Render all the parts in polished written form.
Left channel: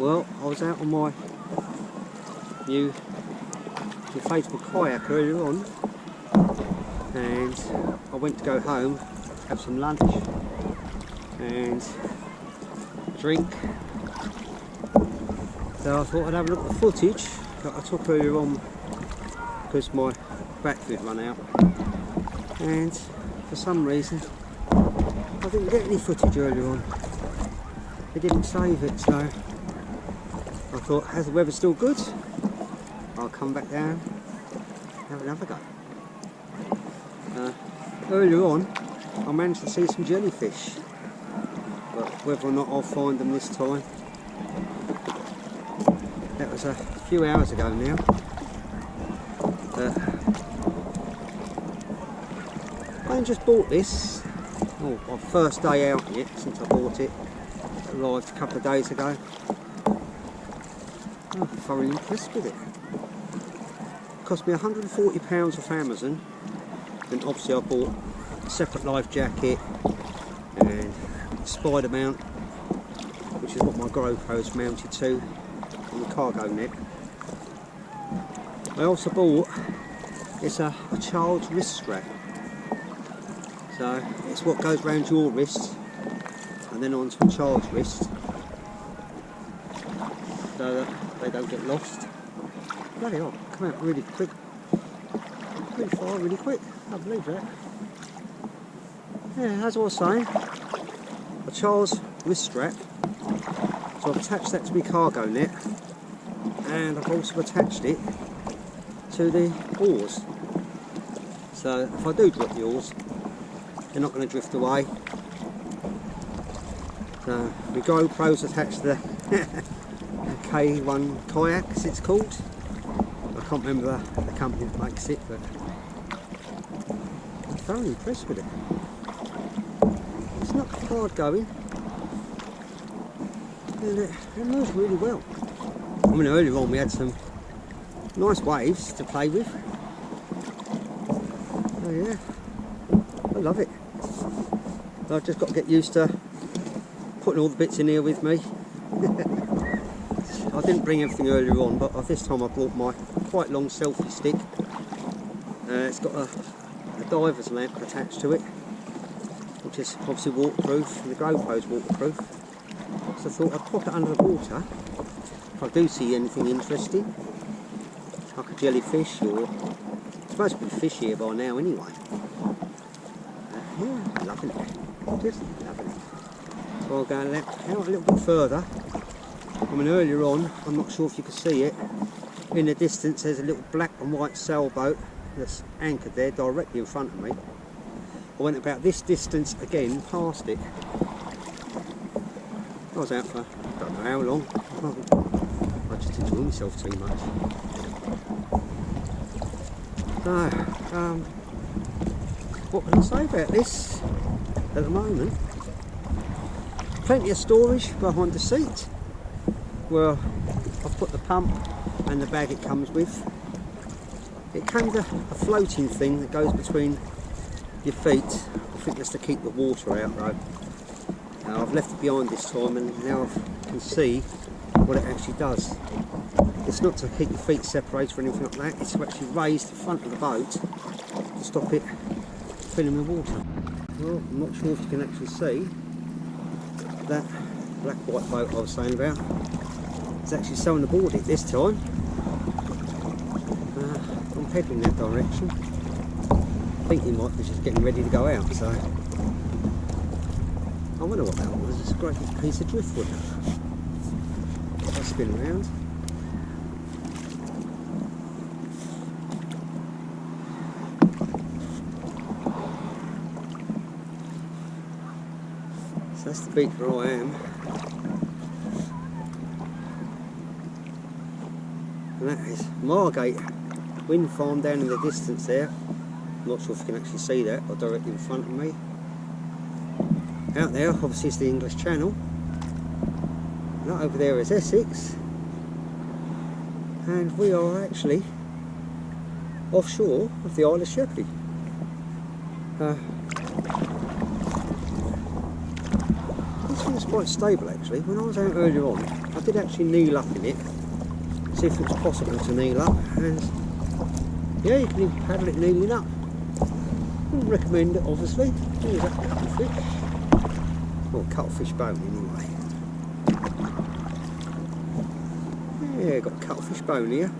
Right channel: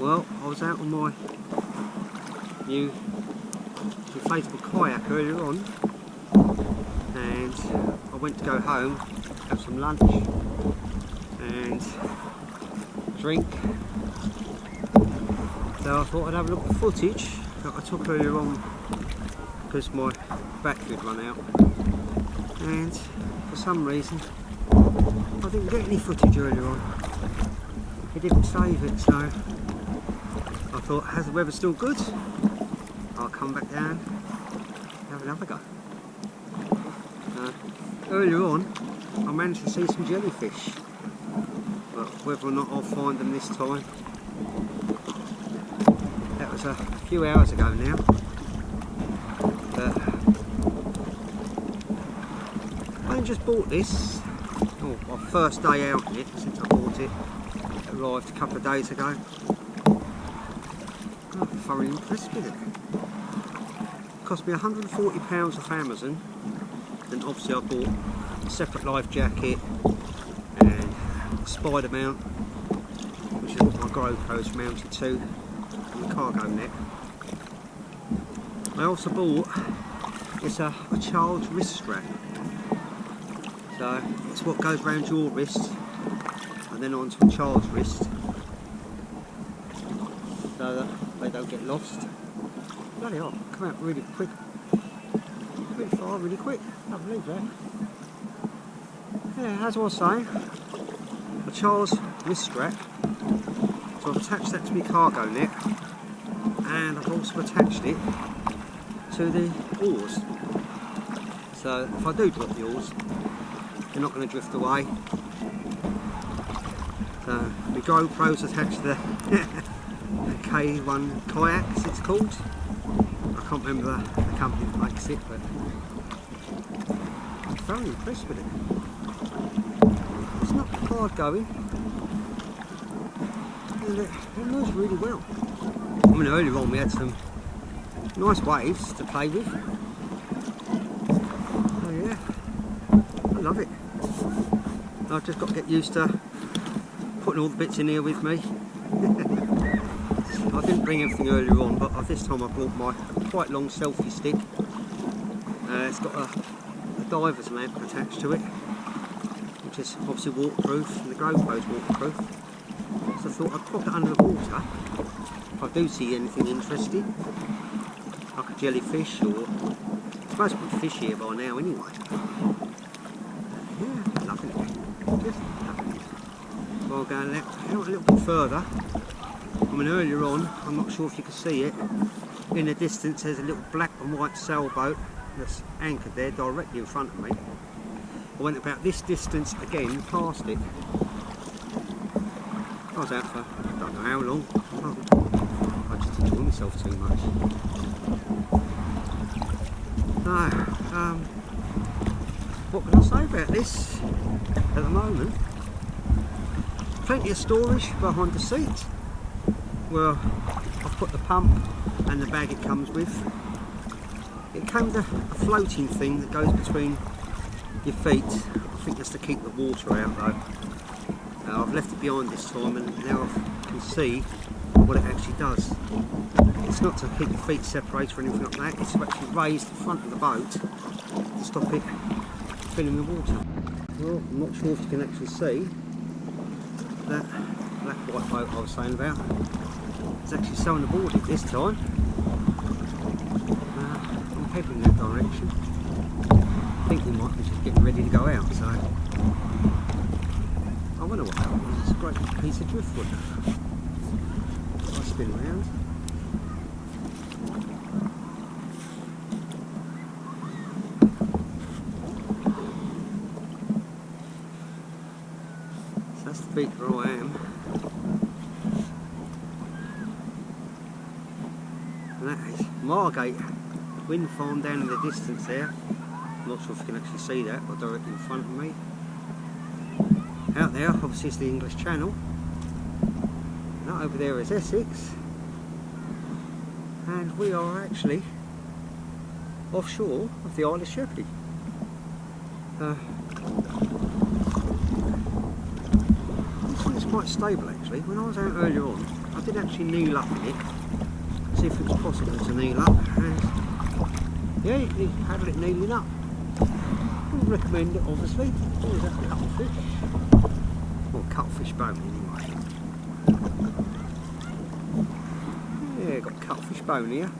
Well, I was out on my new inflatable kayak earlier on, and I went to go home, have some lunch and a drink. So I thought I'd have a look at the footage that I took earlier on because my battery had run out, and for some reason I didn't get any footage earlier on. It didn't save it, so I thought, as the weather's still good, I'll come back down and have another go. Earlier on I managed to see some jellyfish, but whether or not I'll find them this time, that was a few hours ago now. I just bought this, my first day out in it since I bought it. It arrived a couple of days ago. I'm thoroughly impressed with it. It cost me £140 off Amazon, and obviously I bought a separate life jacket and a spider mount, which is what my GoPro's mounted to, on the cargo net. I also bought a child's wrist strap. So it's what goes around your wrist and then onto a child's wrist, so that they don't get lost. Bloody hell, come out really quick, really far, really quick. I can't believe that. Yeah, as I was saying, a child's wrist strap. So I've attached that to my cargo net, and I've also attached it to the oars. So if I do drop the oars, they're not going to drift away. So my GoPro's attached to the K1 kayak, as it's called. I can't remember the company that makes it, but I'm thoroughly impressed with it. It's not hard going, and it moves really well. I mean, earlier on we had some nice waves to play with. Oh yeah, I love it. I've just got to get used to putting all the bits in here with me. I didn't bring everything earlier on, but this time I brought my quite long selfie stick. It's got a diver's lamp attached to it, which is obviously waterproof, and the GoPro's waterproof. So I thought I'd pop it under the water if I do see anything interesting, like a jellyfish, or it's supposed to be fish here by now anyway. Yeah, loving it. Just loving it. So I'll go out a little bit further. I mean, earlier on, I'm not sure if you can see it, in the distance there's a little black and white sailboat that's anchored there directly in front of me. I went about this distance again past it. I was out for I don't know how long. I just enjoy myself too much. So, what can I say about this at the moment? Plenty of storage behind the seat, where I've put the pump and the bag it comes with. It came with a floating thing that goes between your feet. I think that's to keep the water out though. I've left it behind this time, and now I can see what it actually does. It's not to keep your feet separated or anything like that, it's to actually raise the front of the boat to stop it filling with water. Well, I'm not sure if you can actually see that black white boat I was saying about. It's actually sewing aboard it this time. I'm heading in that direction. I think he might be just getting ready to go out, so I wonder what that was. It's a great big piece of driftwood. I'll spin around. So that's the beach where I am. And that is Margate wind farm down in the distance there. I'm not sure if you can actually see that, but directly in front of me. Out there obviously is the English Channel. And that over there is Essex. And we are actually offshore of the Isle of Sheppey. think it's quite stable actually. When I was out earlier on, I did actually kneel up in it, see if it was possible to kneel up, and yeah, you can even paddle it kneeling up. Wouldn't recommend it obviously. Always have cuttlefish. Well, cuttlefish bone anyway. Yeah, got cuttlefish bone here.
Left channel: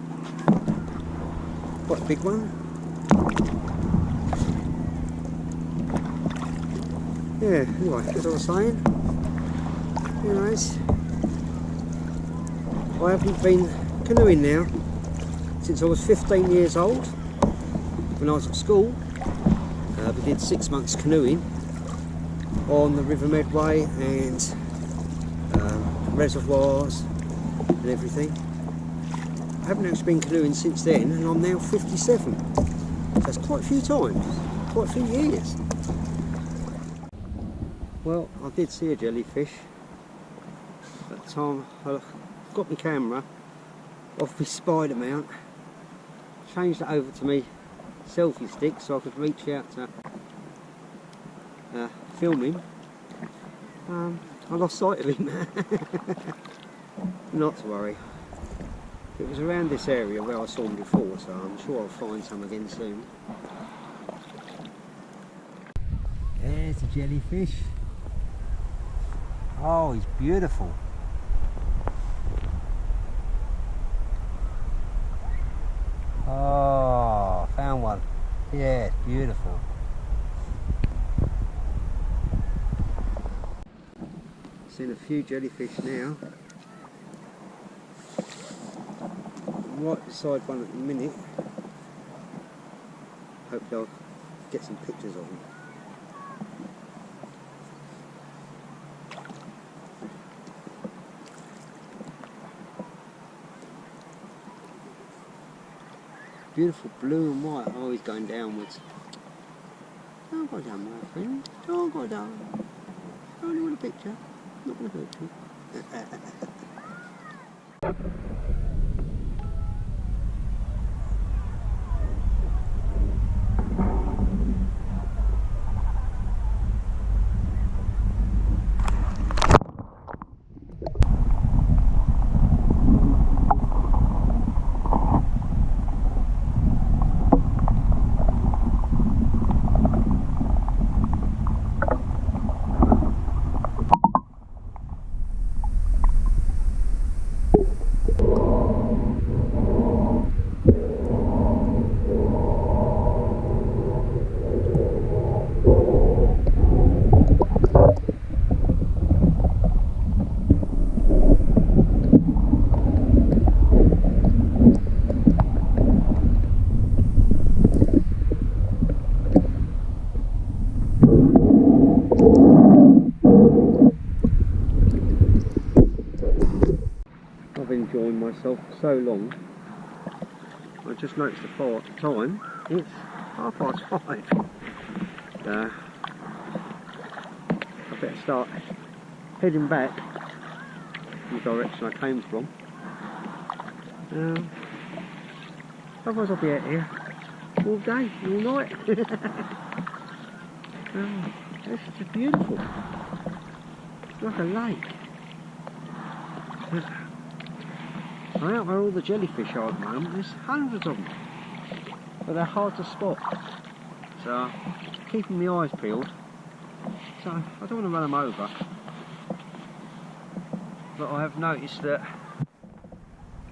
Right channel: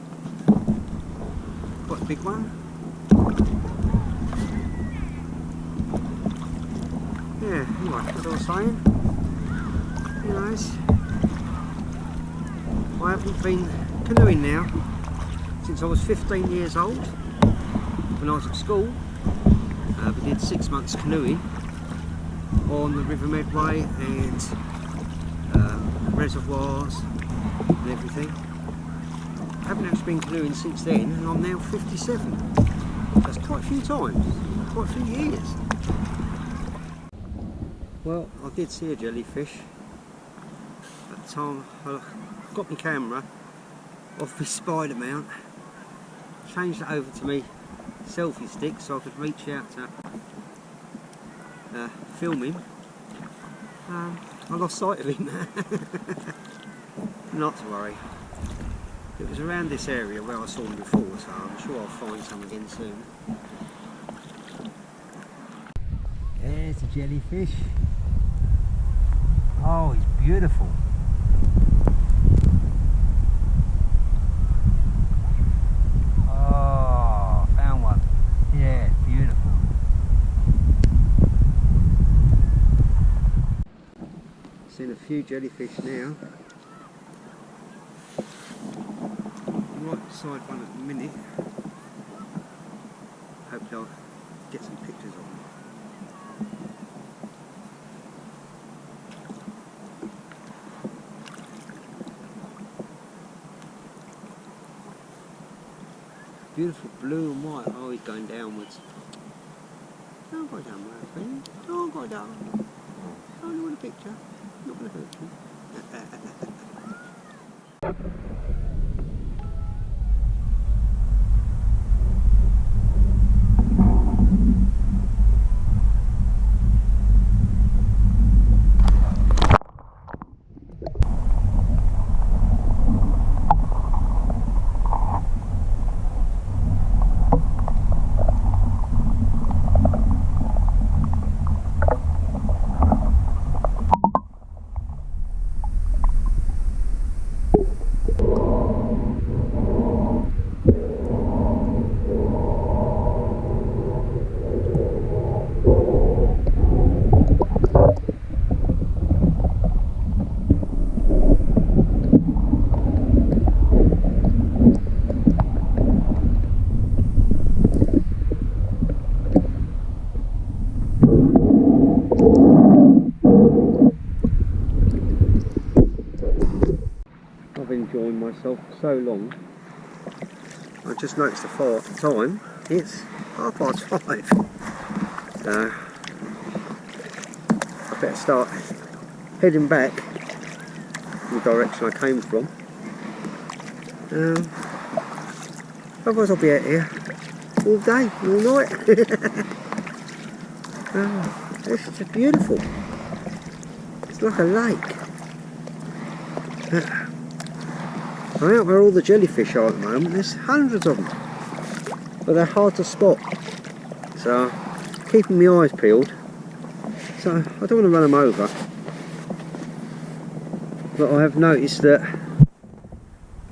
Quite a big one. Yeah, anyway, as I was saying, you know, I haven't been canoeing now since I was 15 years old. When I was at school, we did 6 months canoeing on the River Medway and reservoirs and everything. I haven't actually been canoeing since then, and I'm now 57. So that's quite a few times, quite a few years. Well, I did see a jellyfish at the time. I got my camera off my spider mount, changed it over to me selfie stick so I could reach out to film him. I lost sight of him. Not to worry. It was around this area where I saw him before, so I'm sure I'll find some again soon. There's a jellyfish. Oh, he's beautiful. Oh, found one. Yeah, beautiful. Seen a few jellyfish now. Right beside one at the minute. Hopefully I'll get some pictures of them. Beautiful blue and white. Oh, he's going downwards. Don't go down, my friend. Don't go down. I only want a picture. Not going to hurt you. I've enjoyed myself for so long. I just noticed the time. It's 5:30. I better start heading back in the direction I came from. Otherwise I'll be out here all day, all night. Oh, this is just beautiful. It's like a lake. I'm out where all the jellyfish are at the moment. There's hundreds of them, but they're hard to spot. So, keeping my eyes peeled. So I don't want to run them over. But I have noticed that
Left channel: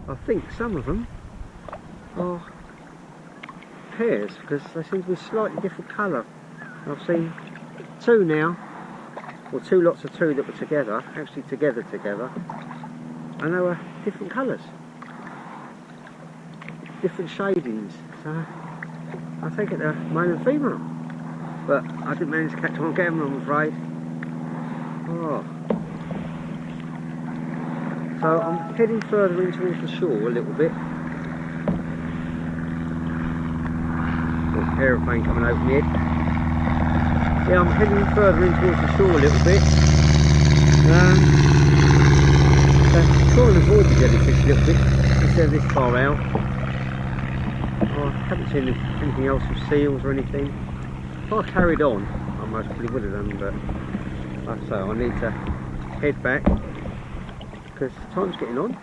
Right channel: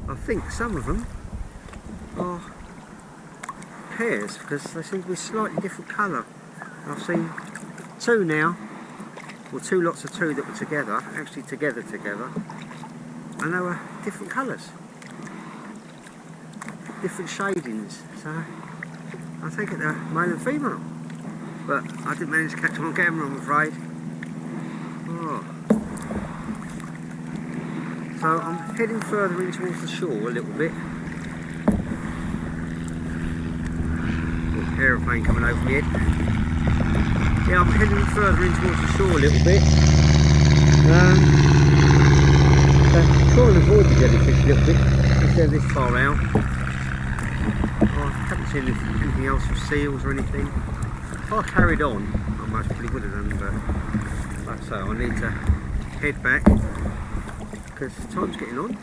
I think some of them are pairs because they seem to be slightly different colour. I've seen two now, or two lots of two that were together, actually together, and they were different colours, different shadings. So I take it they're male and female, but I didn't manage to catch them on camera, I'm afraid. Oh. So I'm heading further in towards the shore a little bit. Oh, aeroplane coming over my head. Yeah, I'm heading further in towards the shore a little bit. So try and avoid the jellyfish a little bit if they're this far out. Oh, I haven't seen anything else with seals or anything. If I carried on, I most probably would have done, but like I say, I need to head back because time's getting on.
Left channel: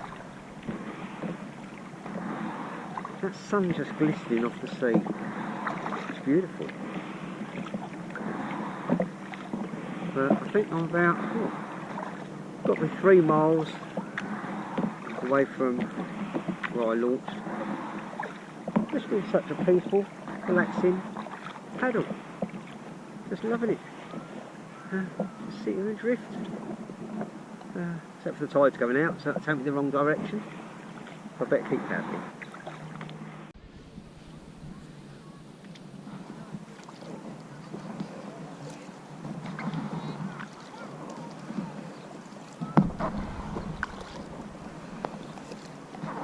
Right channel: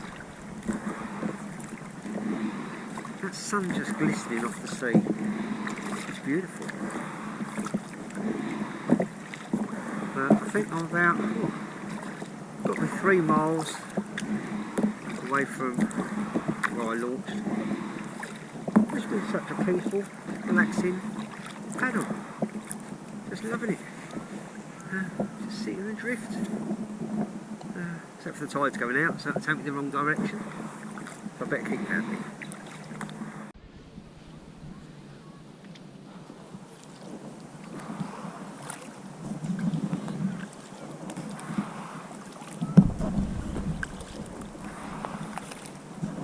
That sun's just glistening off the sea. It's beautiful. But I think I'm about, got to be 3 miles away from where I launched. Just been such a peaceful, relaxing paddle. Just loving it. Just sit here and drift. Except for the tide's going out, so it'll take me the wrong direction. I better keep paddling.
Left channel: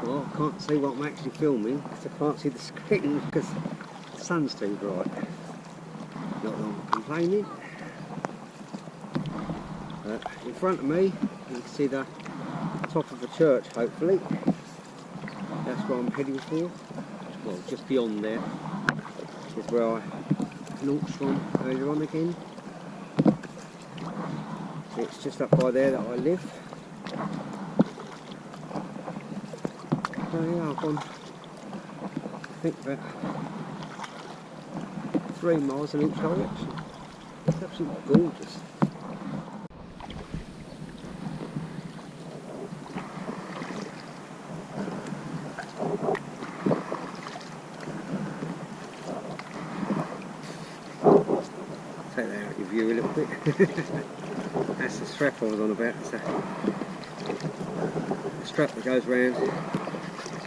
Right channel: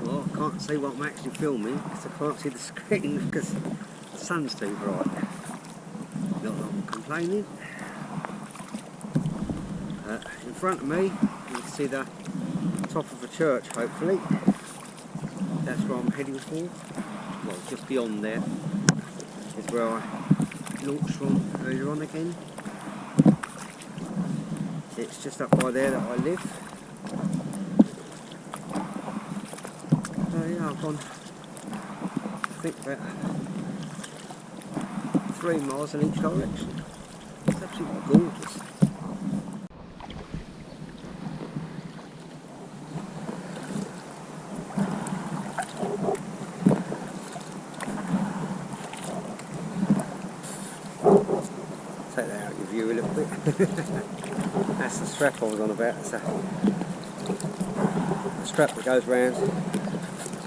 Well, I can't see what I'm actually filming because I can't see the screen because the sun's too bright. Not that I'm complaining. In front of me you can see the top of a church, hopefully. That's where I'm heading for. Well, just beyond there is where I launched from earlier on again. It's just up by there that I live. So yeah, I've gone, I think, about 3 miles in each direction. It's absolutely gorgeous. Take that out of your view a little bit. That's the strap I was on about. It's a strap that goes around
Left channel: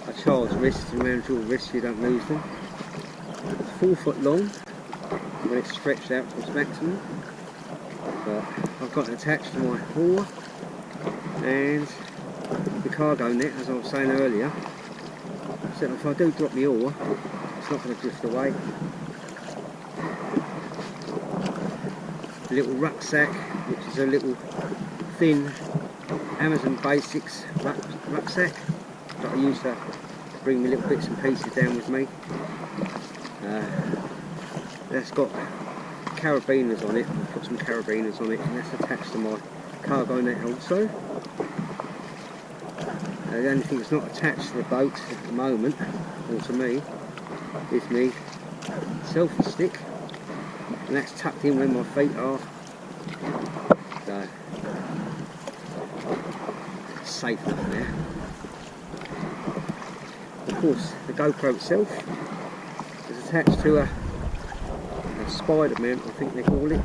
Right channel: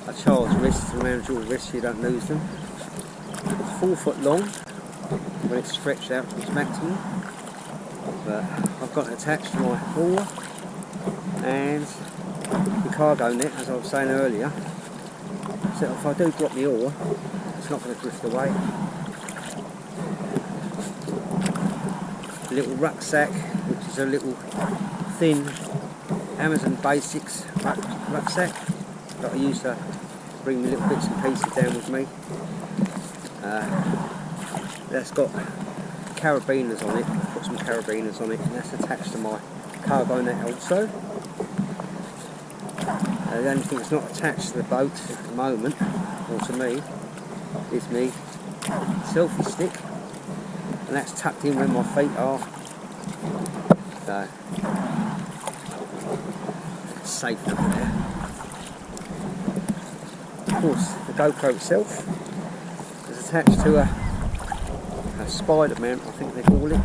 a child's wrists and around your wrists so you don't lose them. It's 4 foot long when it's stretched out to its maximum, but I've got it attached to my oar and the cargo net, as I was saying earlier, so if I do drop the oar it's not going to drift away. A little rucksack, which is a little thin Amazon Basics rucksack that I use to bring me little bits and pieces down with me. That's got carabiners on it. I've put some carabiners on it, and that's attached to my cargo net also. The only thing that's not attached to the boat at the moment, or to me, is me selfie stick, and that's tucked in where my feet are. So it's safe enough there. Of course, the GoPro itself is attached to a spider mount, I think they call it.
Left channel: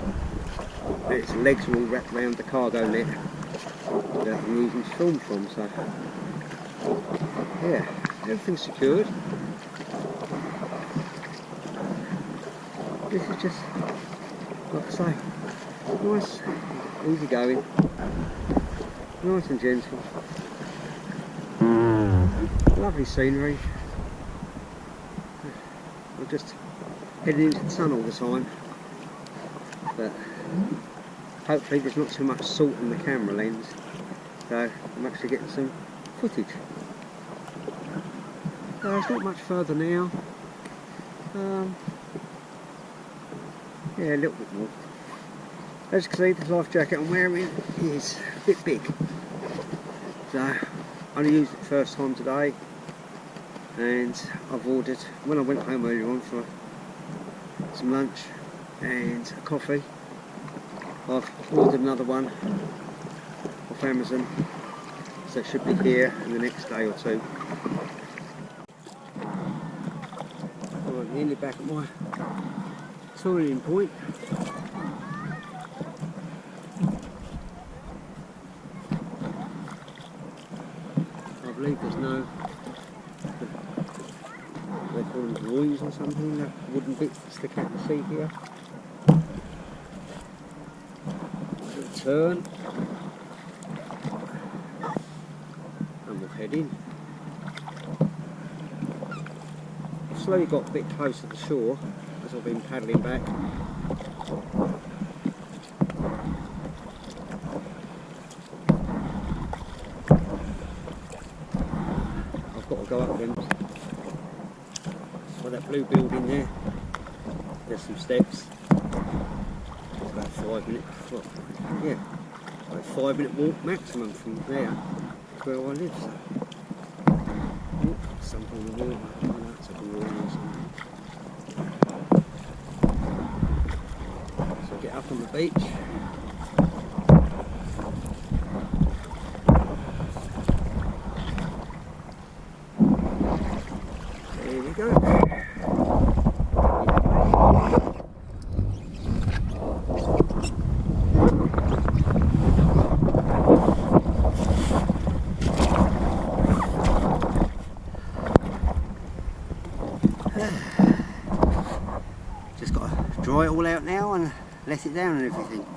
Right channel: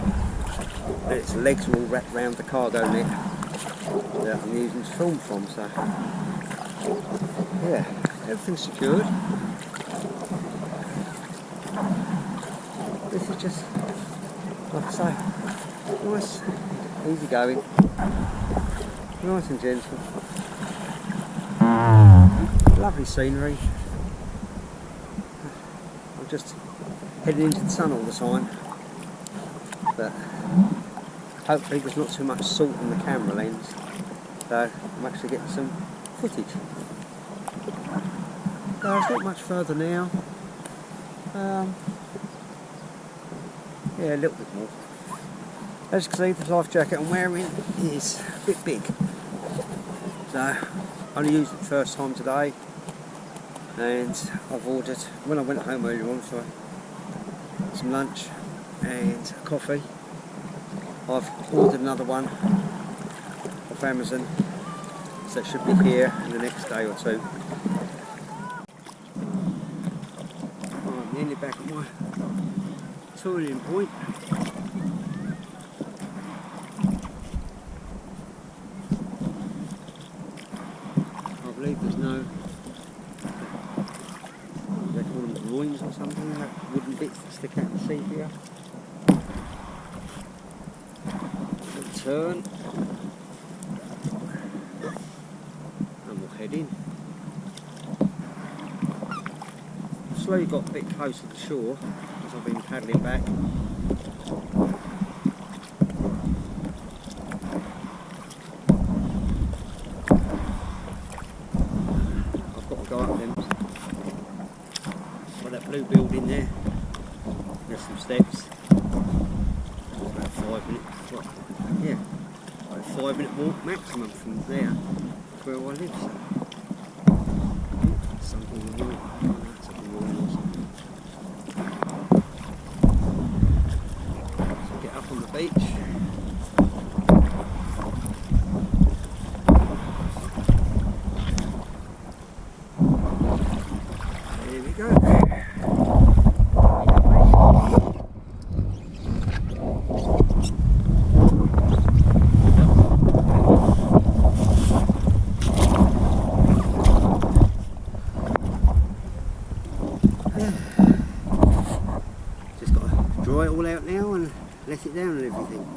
Its legs are all wrapped around the cargo net that I'm using to film from. So yeah, everything's secured. This is just, like I say, nice, easy going, nice and gentle. Lovely scenery. I'm just heading into the sun all the time, but hopefully there's not too much salt on the camera lens, so I'm actually getting some footage. So it's not much further now. Yeah, a little bit more. As you can see, the life jacket I'm wearing is a bit big, so I only used it the first time today. And I've ordered, when I went home earlier on for some lunch and a coffee, I've ordered another one off Amazon, so it should be here in the next day or two. Right, nearly back at my touring point. I believe there's no, they call them groins or something, the wooden bits that stick out in the sea here. Little turn, and we'll head in. I've slowly got a bit closer to the shore as I've been paddling back. I've got to go up them. By that blue building there, there's some steps. It's about 5 minutes, yeah, a 5-minute walk maximum from there to where I live. So yeah, something in the water. Oh no, it's like a warning or something. So I get up on the beach. There we go. We have ready. Just got to dry it all out now and let it down and everything.